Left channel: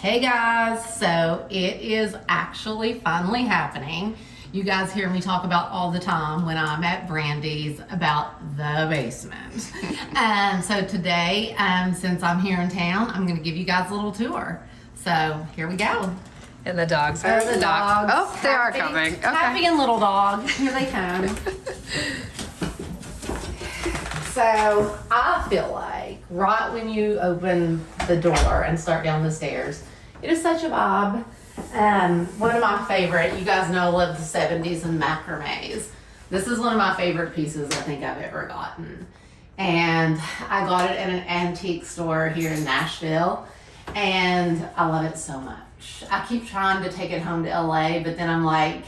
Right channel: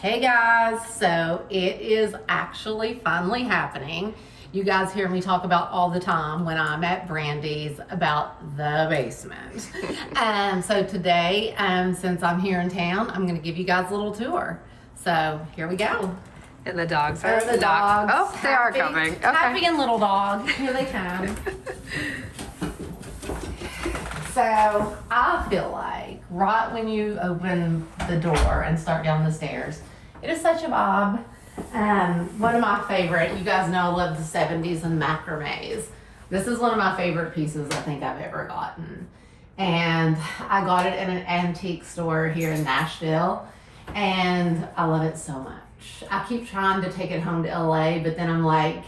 Hey guys, so it is actually finally happening. You guys hear me talk about all the time when I'm at Brandi's about the basement. So today, since I'm here in town, I'm gonna give you guys a little tour. So here we go. And the dogs are the dogs. Oh, they are coming. Okay. Happy and little dog. Here they come. So I feel like right when you open the door and start down the stairs, it is such a vibe. One of my favorite, you guys know I love the 70s and macrames. This is one of my favorite pieces I think I've ever gotten. And I got it in an antique store here in Nashville, and I love it so much. I keep trying to take it home to LA, but then I'm like,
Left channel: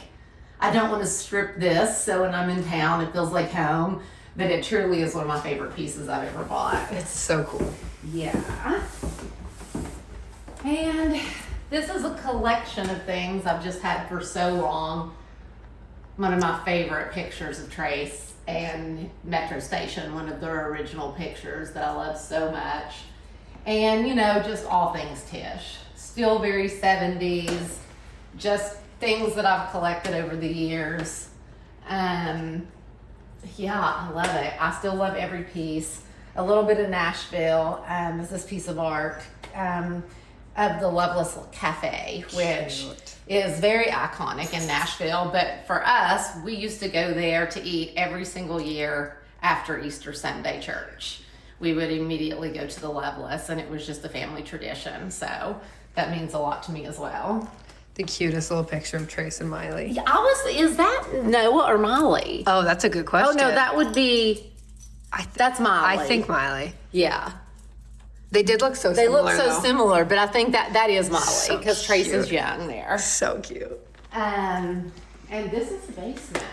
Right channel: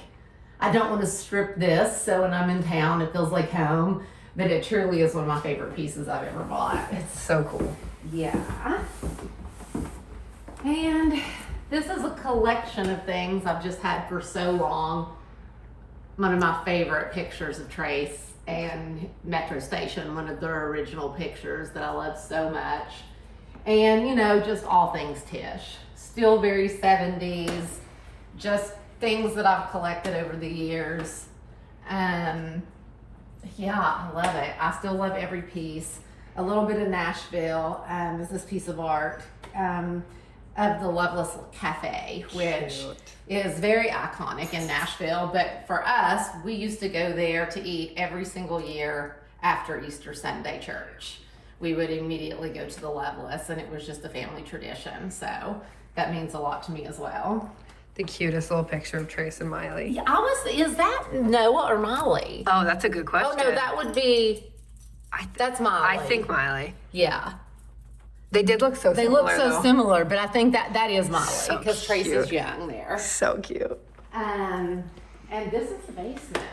I don't want to strip this, so when I'm in town, it feels like home. But it truly is one of my favorite pieces I've ever bought. It's so cool. Yeah. And this is a collection of things I've just had for so long. One of my favorite pictures of Trace and Metro Station, one of their original pictures that I love so much. And you know, just all things Tish. Still very 70s, just things that I've collected over the years. Yeah, I love it. I still love every piece. A little bit of Nashville is this piece of art of the Loveless Cafe, which is very iconic in Nashville. But for us, we used to go there to eat every single year after Easter Sunday church. We would immediately go to the Loveless, and it was just a family tradition. So that means a lot to me as well. The cutest little picture of Trace and Miley. Yeah, is that Noah or Miley? Oh, that's a good question. Oh no, that would be, that's Miley. I think Miley. Yeah. They did look so similar. They look so similar, but I think that is Miley, So because Trace is cute. young there. So cute. And this is the basement.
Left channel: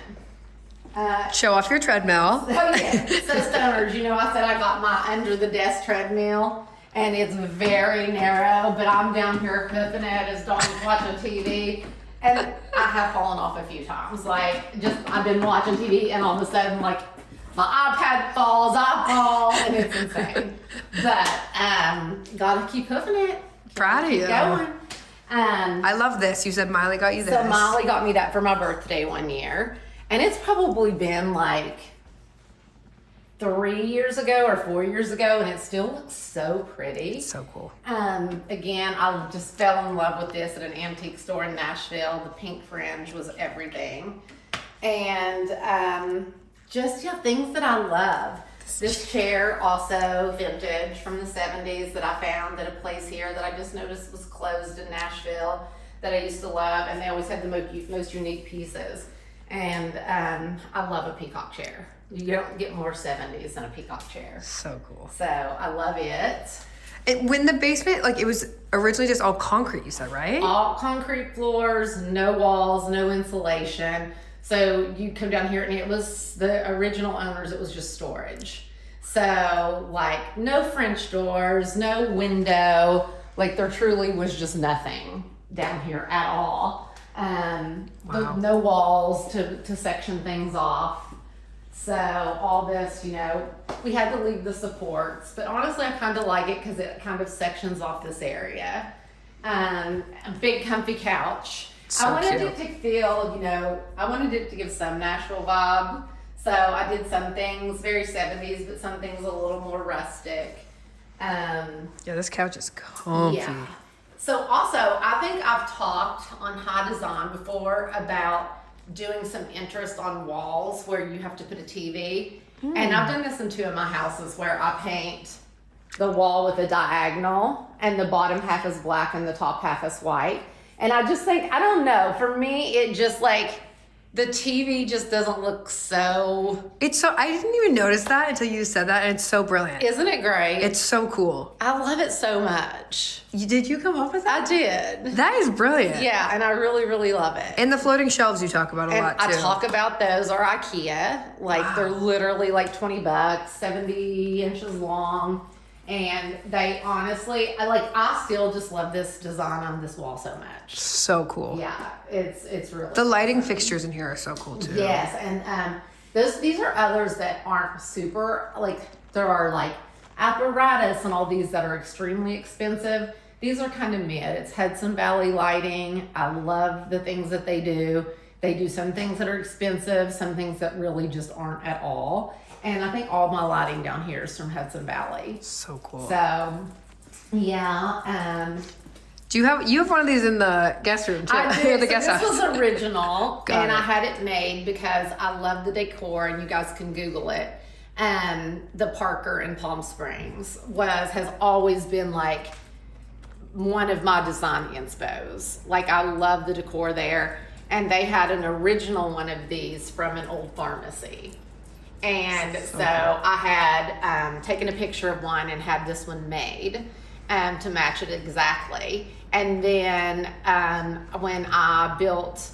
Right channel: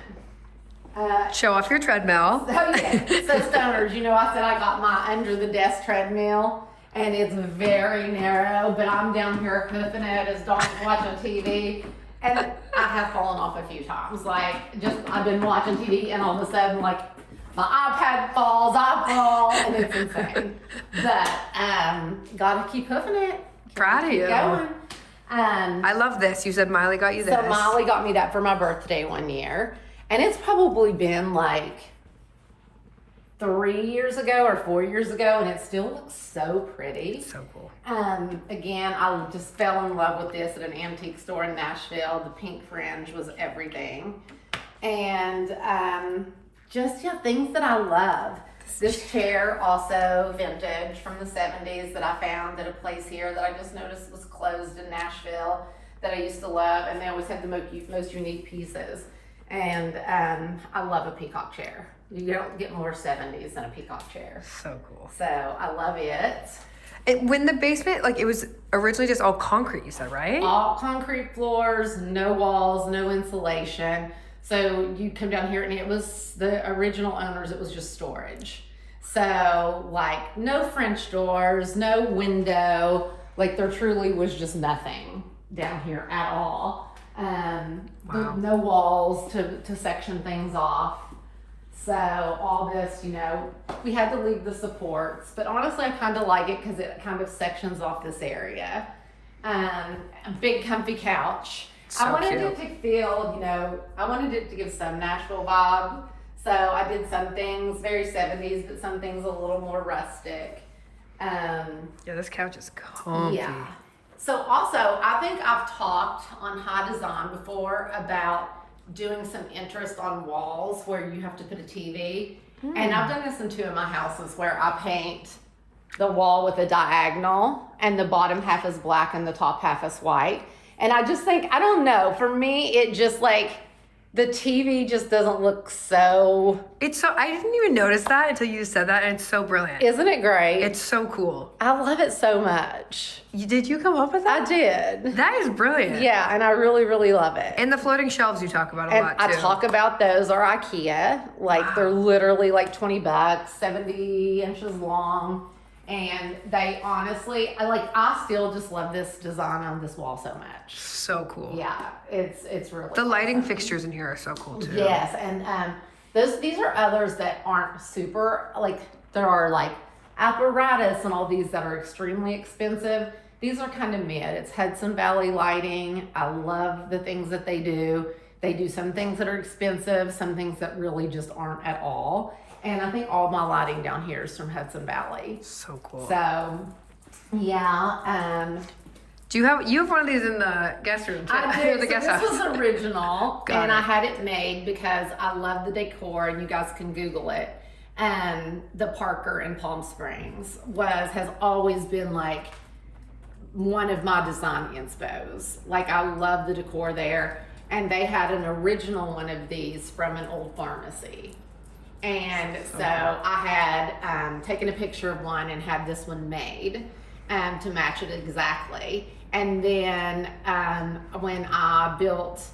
Show off your treadmill. Oh yeah, so stoners, you know, I said I got my under the desk treadmill, and it's very narrow, but I'm down here hoofing it as Dawn's watching TV, and I have fallen off a few times. Like, just I've been watching TV, and all of a sudden, like, my iPad falls, I fall, and it's insane. But gotta keep hoofing it. Proud of you. Going. I love this. You said Miley got you this. So Miley got me that for my birthday one year, and it's probably been like 3 years ago or 4 years ago, and it still looks so pretty. So cool. Again, I just fell in love with this at an antique store in Nashville. The pink fringe was everything. And just, yeah, things that I love. This chair, also vintage from the 70s, that I found at a place here that I just noticed was closed in Nashville, that I used to love, and they always had the most unique pieces. And I love a peacock chair. You don't get more 70s than a peacock chair. So cool. So I love it. And when the basement, like, it was originally just all concrete, you said, right? All concrete floors, no walls, no insulation. So you come down here, and it was the original owners, it was just storage. So like no French doors, no window, like there truly was just nothing down here at all. Wow. No walls to section things off. So all this, you know, we had to leave the supports, but honestly I kind of like it because it kind of sections off this area. A big comfy couch. So I wanted cute. it to feel, you know, I wanted it to give some Nashville vibe. So I did some things very 70s, but some things a little more rustic. Yeah, this couch is comfy. Yeah. So also, I think I've talked on High Design before about doing some interest on walls where you have to put a TV. And I've done this in 2 of my houses where I paint the wall with a diagonal, and the bottom half is black and the top half is white. And I just think, I don't know, for me, it just like, the TV just doesn't look so... It's so, I didn't even notice that until you said that, and it's so brilliant. Isn't it great? It's so cool. I love it so much. Did you come up with that? I did. That is brilliant. Yeah, and I really, really love it. And the floating shelves you talk about a lot, too. I talk about those, or IKEA. Like, they're literally like $20, 70 inches long. And they honestly, I still just love this design on this wall so much. So cool. Yeah, it's really The lighting fixtures in here are so cool too. Yes, and these are others that aren't super, like, there are like apparatus and all these that are extremely expensive. These are kind of mid. It's Hudson Valley lighting. I love the things that they do. They do some things that are expensive, some things that really just aren't at all. And I think all my lighting down here is from Hudson Valley. So cool. So, yeah. Do you have one of these in the guest room too? I do. The guest house. This was original, and I it. had it made because I love the decor, and you guys can Google it. The Parker in Palm Springs has always been like one of my design inspos. Like, I love the decor there, and they had an original one of these from an old pharmacy. And so I had taken a picture of one and had this one made to match it exactly. And then when I built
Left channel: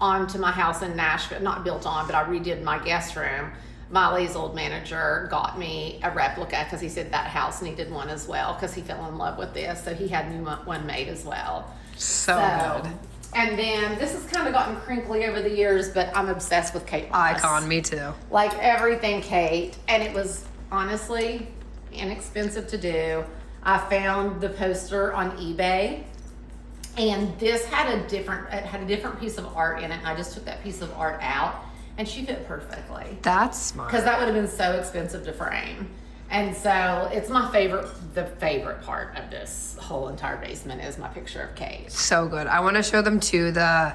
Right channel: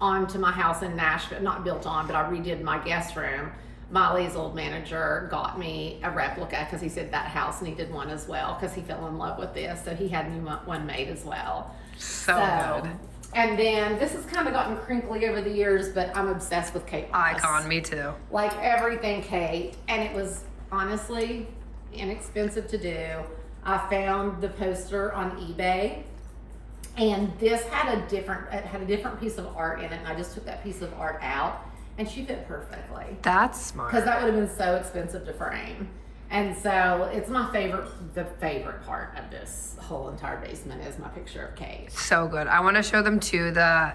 onto my house in Nashville, not built on, but I redid my guest room, Miley's old manager got me a replica because he said that house needed one as well because he fell in love with this. So he had me one made as well. So good. And then this has kind of gotten crinkly over the years, but I'm obsessed with Kate Moss. Icon, me too. Like everything Kate. And it was honestly inexpensive to do. I found the poster on eBay, and this had a different piece of art in it, and I just took that piece of art out, and she fit perfectly. That's smart. Because that would have been so expensive to frame. And so it's my the favorite part of this whole entire basement is my picture of Kate. So good. I want to show them too the,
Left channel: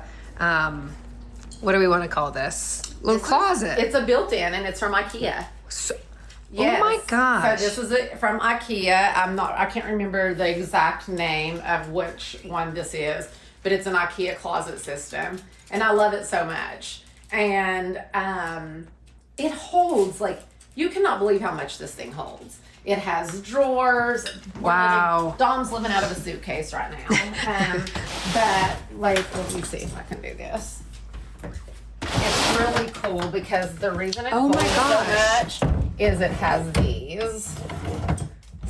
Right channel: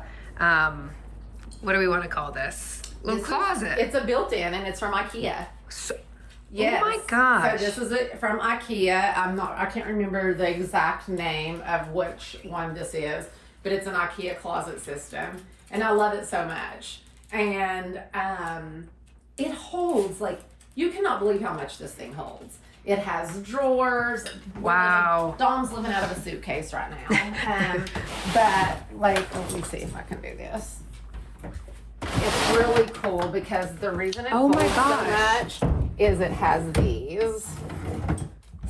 what do we want to call this? Little closet. It's a built-in, and it's from IKEA. Yes. Oh my gosh. So this is it from IKEA. I can't remember the exact name of which one this is, but it's an IKEA closet system, and I love it so much. And it holds, like, you cannot believe how much this thing holds. It has drawers. Wow. Dom's living out of a suitcase right now. But, like, let me see if I can do this. It's really cool because the reason it holds so much is it has these.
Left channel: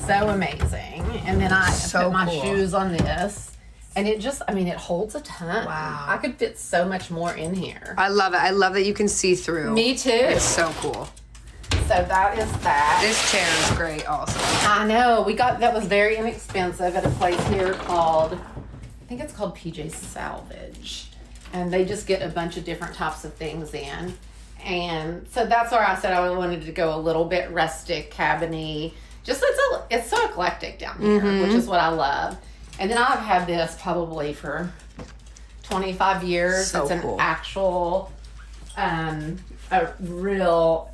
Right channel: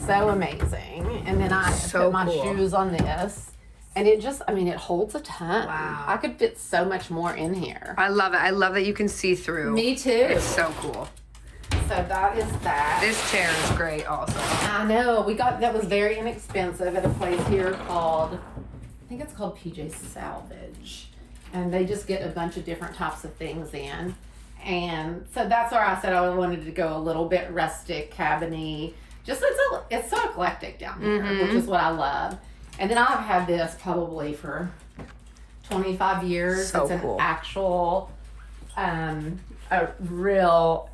So amazing. And then I put my shoes on this. And it just, it holds a ton. Wow. I could fit so much more in here. I love it. I love that you can see through. Me too. It's so cool. So that is that. This chair is great also. I know. That was very inexpensive at a place here called, I think it's called PJ Salvage. And they just get a bunch of different types of things in. And so that's where I said I wanted to go a little bit rustic, cabiny. Just it's so eclectic down here, which is what I love. And then I've had this probably for 25 years. So it's an actual, a real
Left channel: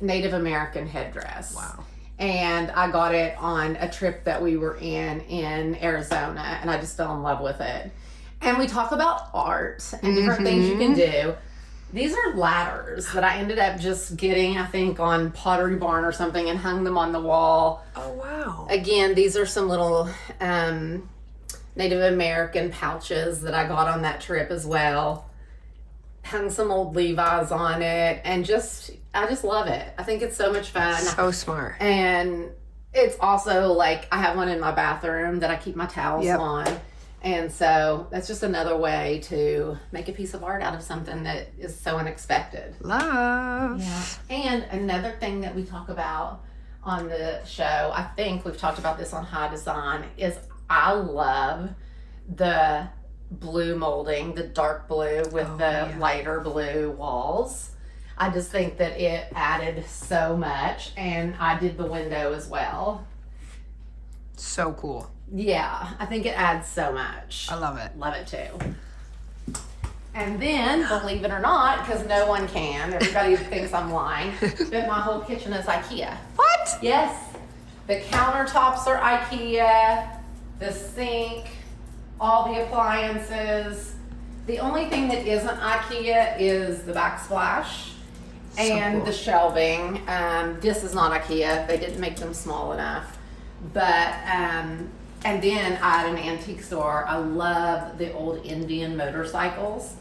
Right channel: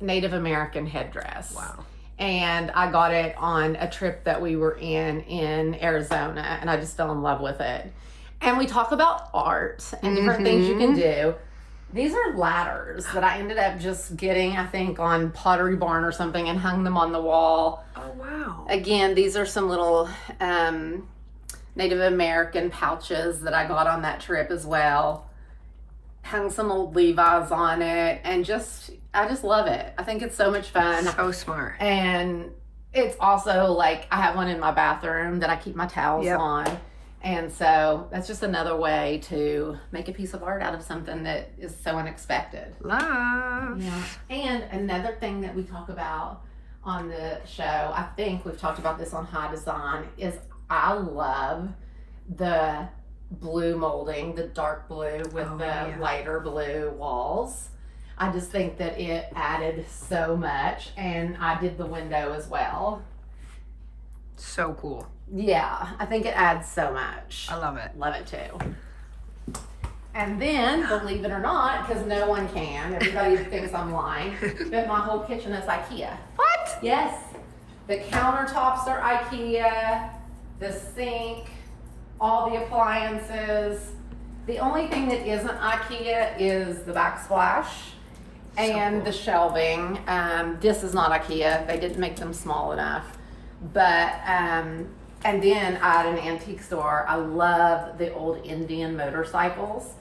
Native American headdress. Wow. And I got it on a trip that we were in Arizona, and I just fell in love with it. And we talk about art and different things you can do. These are ladders that I ended up just getting, I think, on Pottery Barn or something, and hung them on the wall. Oh, wow. Again, these are some little Native American pouches that I got on that trip as well. Hung some old Levi's on it, and I just love it. I think it's so much fun. So smart. And it's also like, I have one in my bathroom that I keep my towels on. And so that's just another way to make a piece of art out of something that is so unexpected. Love. Yeah. And another thing that we talk about on the show, I think we've talked about this on High Design, is I love the blue molding, the dark blue with lighter blue walls. I just think that it added so much, and I did the window as well. So cool. Yeah, I think it adds so much. I love it. Love it too. And then, believe it or not, because no one can, everybody thinks I'm lying, but my whole kitchen is IKEA. What? Yes. The countertops are IKEA, the sink, all the appliances. The only thing that isn't IKEA is the backsplash and the shelving. This is not IKEA. They didn't make them small enough. But, and then I had an antique store. I love the old Indian motorcycles.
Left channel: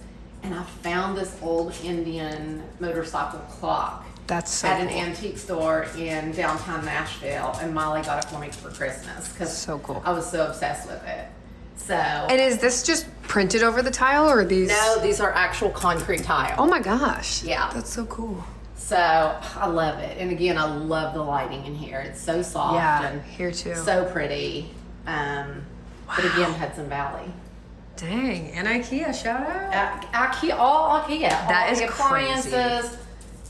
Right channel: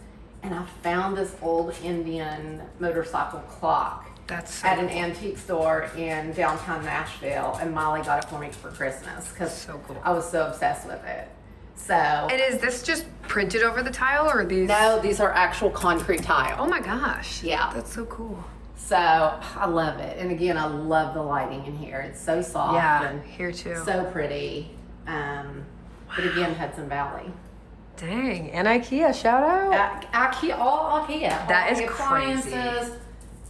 And I found this old Indian motorcycle clock at an antique store in downtown Nashville. And Molly got it for me for Christmas because I was so obsessed with it. So. And is this just printed over the tile, or are these? No, these are actual concrete tile. Oh my gosh. Yeah. That's so cool. So I love it. And again, I love the lighting in here. It's so soft. Yeah, and here too. So pretty. But again, Hudson Valley. Dang, and IKEA, shout out. IKEA, all IKEA. That all is the crazy. appliances,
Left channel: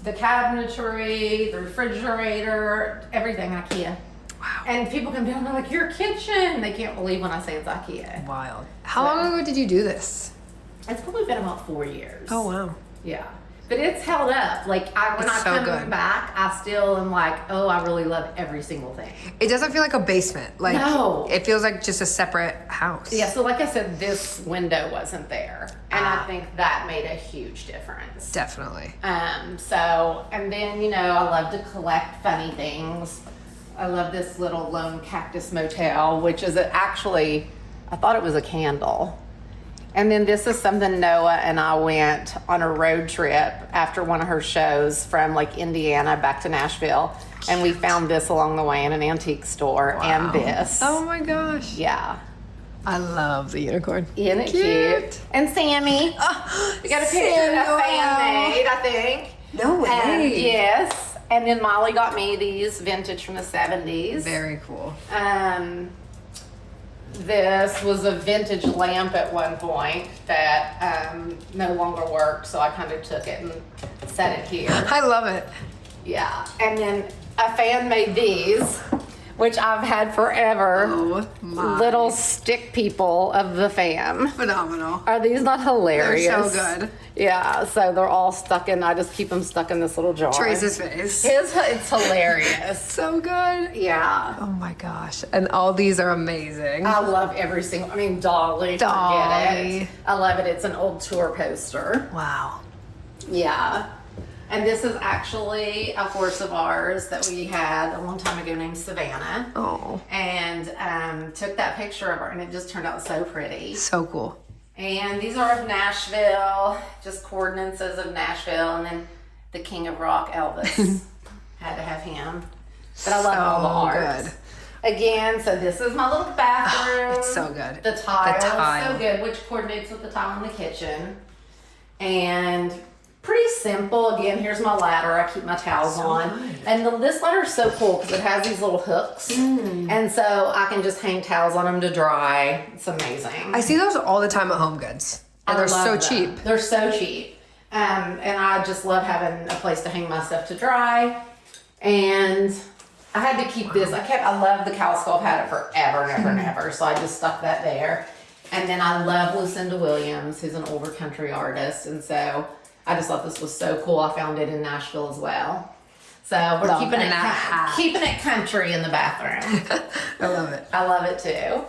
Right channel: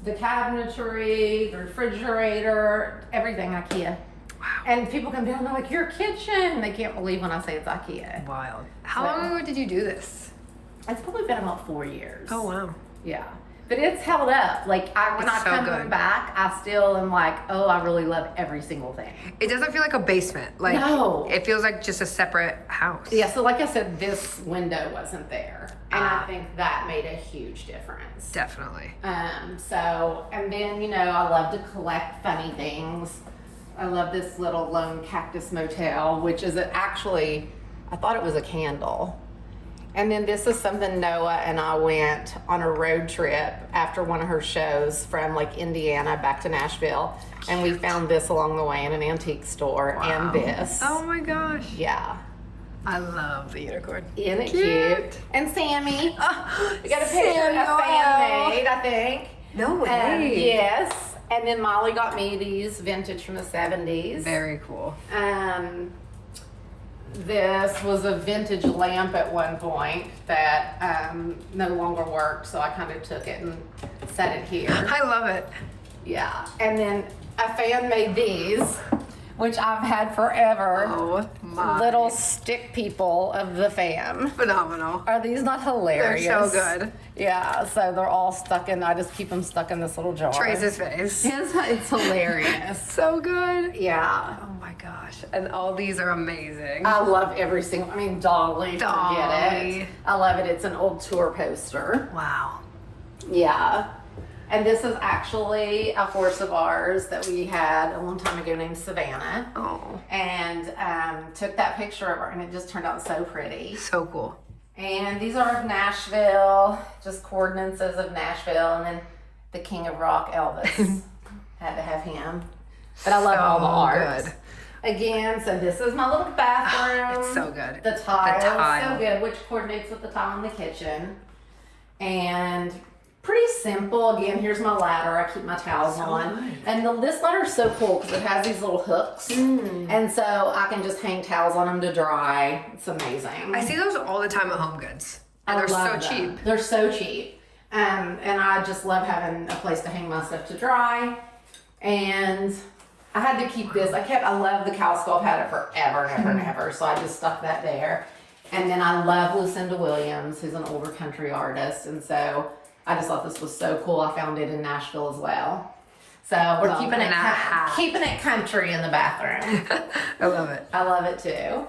the cabinetry, the refrigerator, everything IKEA. Wow. And people come down and they're like, your kitchen. They can't believe when I say it's IKEA. Wild. How long ago did you do this? It's probably been about 4 years. Oh, wow. Yeah. But it's held up. Like, when I so come good. back, I still am like, oh, I really love every single thing. It doesn't feel like a basement. Like, No. It feels like just a separate house. Yeah, so like I said, this window wasn't there. And I think that made a huge difference. Definitely. So, and then, you know, I love to collect funny things. I love this little lone cactus motel, which is actually, I thought it was a candle. And then this is something Noah and I went on a road trip after one of her shows from like Indiana back to Nashville. And we found this along the way in an antique store. Wow. And this. Oh my gosh. Yeah. I love the unicorn. Isn't it cute? And Sammy. We got a picture of fan made, I think. No way. Yes. And then Molly got me these vintage from the 70s. Very cool. This was a vintage lamp at one point that no longer worked, so I kind of took it and set it here. I love it. Yeah. And then a fan made these, which I've had forever. Oh my. Little stick people of the fan. Phenomenal. Are these not hilarious? They're so good. Yeah, so they're all stuck in, I just keep them stuck in this little jar. Trace's face. It's hilarious. So good. Yeah. Oh my gosh. And all these are amazing. I love every single, Dolly. Forget it. I love it. It's an old tour poster. Wow. Yeah. And this is actually a horse of ours that we had a long time ago named Savannah. Oh. And took that picture of her, and it just turned out so pretty. So cool. And these are of Nashville, just coordinates of Nashville, and then the King of Rock, Elvis. Had to have him. But I love all the art. Good. Again, so this is my little bathroom. It's so good. The tile is tile. so good, which coordinates with the tile in the kitchen. And pretty simple. Again, here's my ladder. I keep my towels on. Good. And this ladder is so cool because it has these little hooks. And so I can just hang towels on them to dry. It's amazing. I see those all the time at Home Goods. And they're so love them. cheap. They're so cheap. And I just love having a place to hang my stuff to dry. And I had to keep this. I love the cow skull. I've had it forever and ever and ever. So I just stuck that there. And then I love Lucinda Williams, who's an older country artist. And so I just thought this was so cool. I found it in Nashville as well. So we're keeping it country in the bathroom. I love it. I love it too.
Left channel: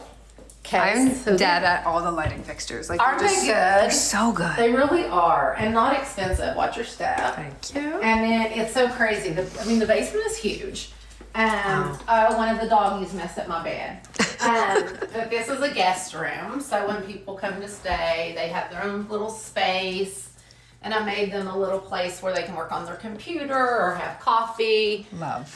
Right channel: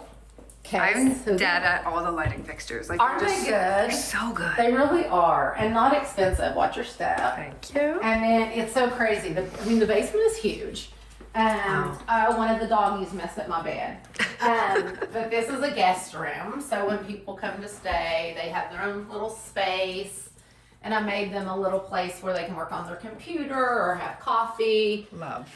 I'm dead at all the lighting fixtures. Like, Aren't they good? They're so good. They really are, and not expensive. Watch your step. Thank you. And then it's so crazy. The basement is huge. One of the doggies messed up my bed. But this is a guest room, so when people come to stay, they have their own little space. And I made them a little place where they can work on their computer or have coffee. Love.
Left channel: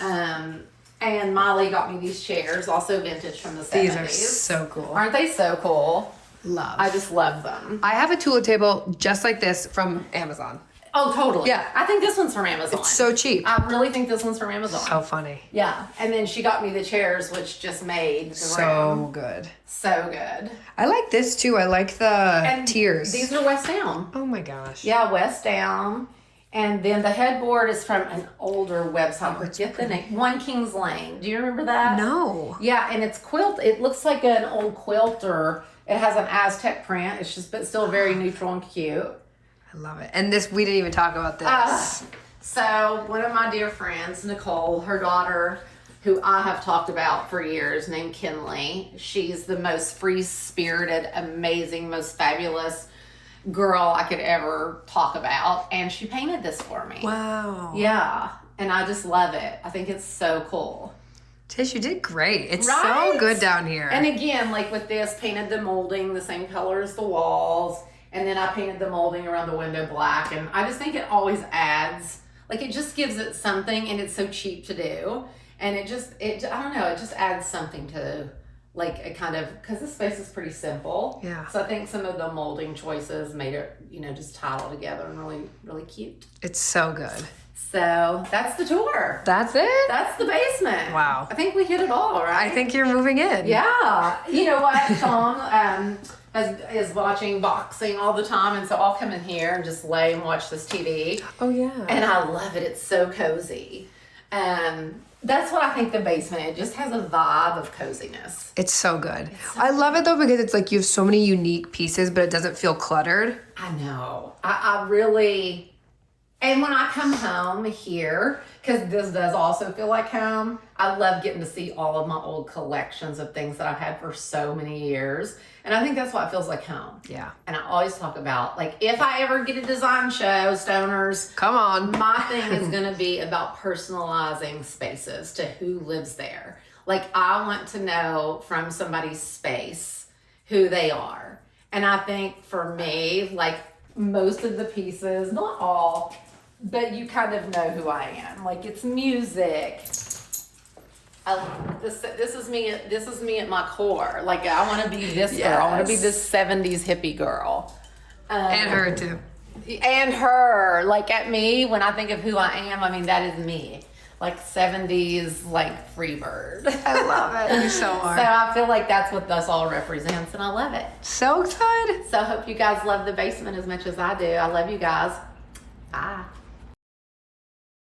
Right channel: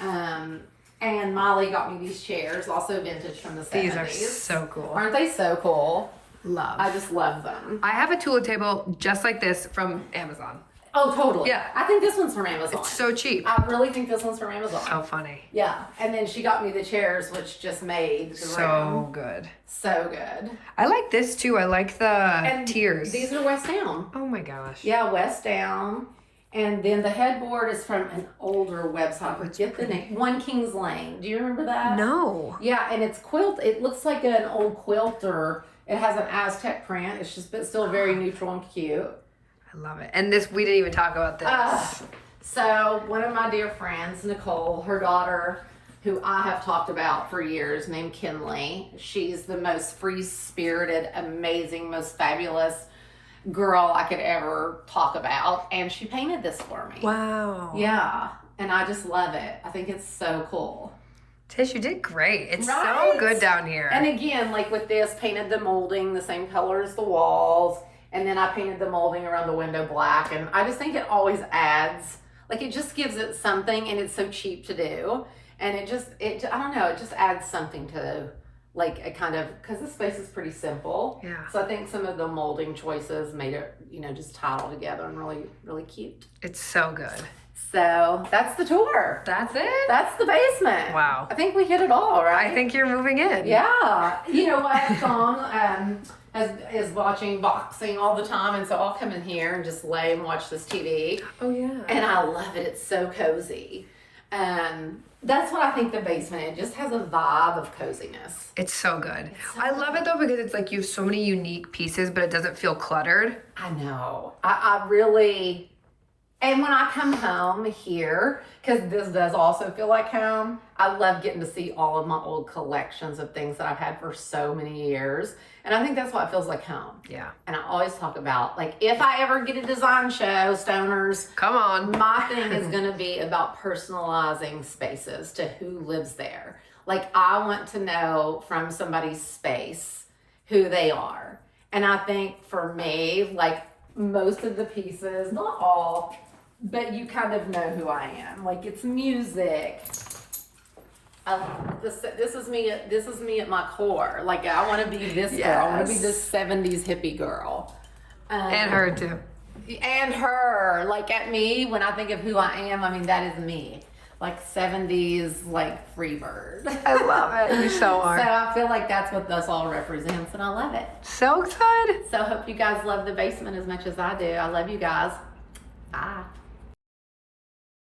And Molly got me these chairs, also vintage from the 70s. These are so cool. Aren't they so cool? Love. I just love them. I have a Tula table just like this from Amazon. Oh, totally. Yeah. I think this one's from Amazon. It's so cheap. I really think this one's from Amazon. So funny. Yeah. And then she got me the chairs, which just made the So room. good. So good. I like this too. I like the And tiers. These are West Down. Oh my gosh. Yeah, West Down. And then the headboard is from an older website. Forget the name. One Kings Lane. Do you remember that? No. Yeah, and it's quilt. It looks like an old quilter. It has an Aztec print. It's just, but still very neutral and cute. I love it. And this, we didn't even talk about this. So one of my dear friends, Nicole, her daughter, who I have talked about for years, named Kinley. She's the most free-spirited, amazing, most fabulous girl I could ever talk about. And she painted this for me. Wow. Yeah. And I just love it. I think it's so cool. Tish, you did great. It's Right? so good down here. And again, like with this, painted the molding the same color as the walls. And then I painted the molding around the window black. And I just think it always adds, like it just gives it something, and it's so cheap to do. And I don't know, it just adds something to like a kind of, because this space is pretty simple. Yeah. So I think some of the molding choices made it, just tie all together and really, really cute. It's so good. So that's the tour. That's it? That's the basement. Wow. I think we hit it all, right? I think you're moving in. Yeah. You know what? Sean is watching boxing all the time, and so I'll come in here and just lay and watch this TV. Oh, yeah. And I love it. It's so cozy. That's what I think the basement, it just has a vibe of coziness. It's so good. I love it though because it's like you have so many unique pieces, but it doesn't feel cluttered. I know. I really, and when I come home here, because this does also feel like home, I love getting to see all of my old collections of things that I've had for so many years. And I think that's why it feels like home. Yeah. And I always talk about, like, if I ever get a design show, Stoners, Come on. my thing is going to be about personalizing spaces to who lives there. Like, I want to know from somebody's space who they are. And I think for me, like, most of the pieces, not all, but you kind of know who I am. Like, it's music. This is me at my core. Like, I want to be this girl. I want to be this 70s hippie girl. And her too. And her. Like, at me, when I think of who I am, I mean, that is me. Like 70s, like, free bird. I love it. You so are. So I feel like that's what this all represents, and I love it. So good. So I hope you guys love the basement as much as I do. I love you guys. Bye.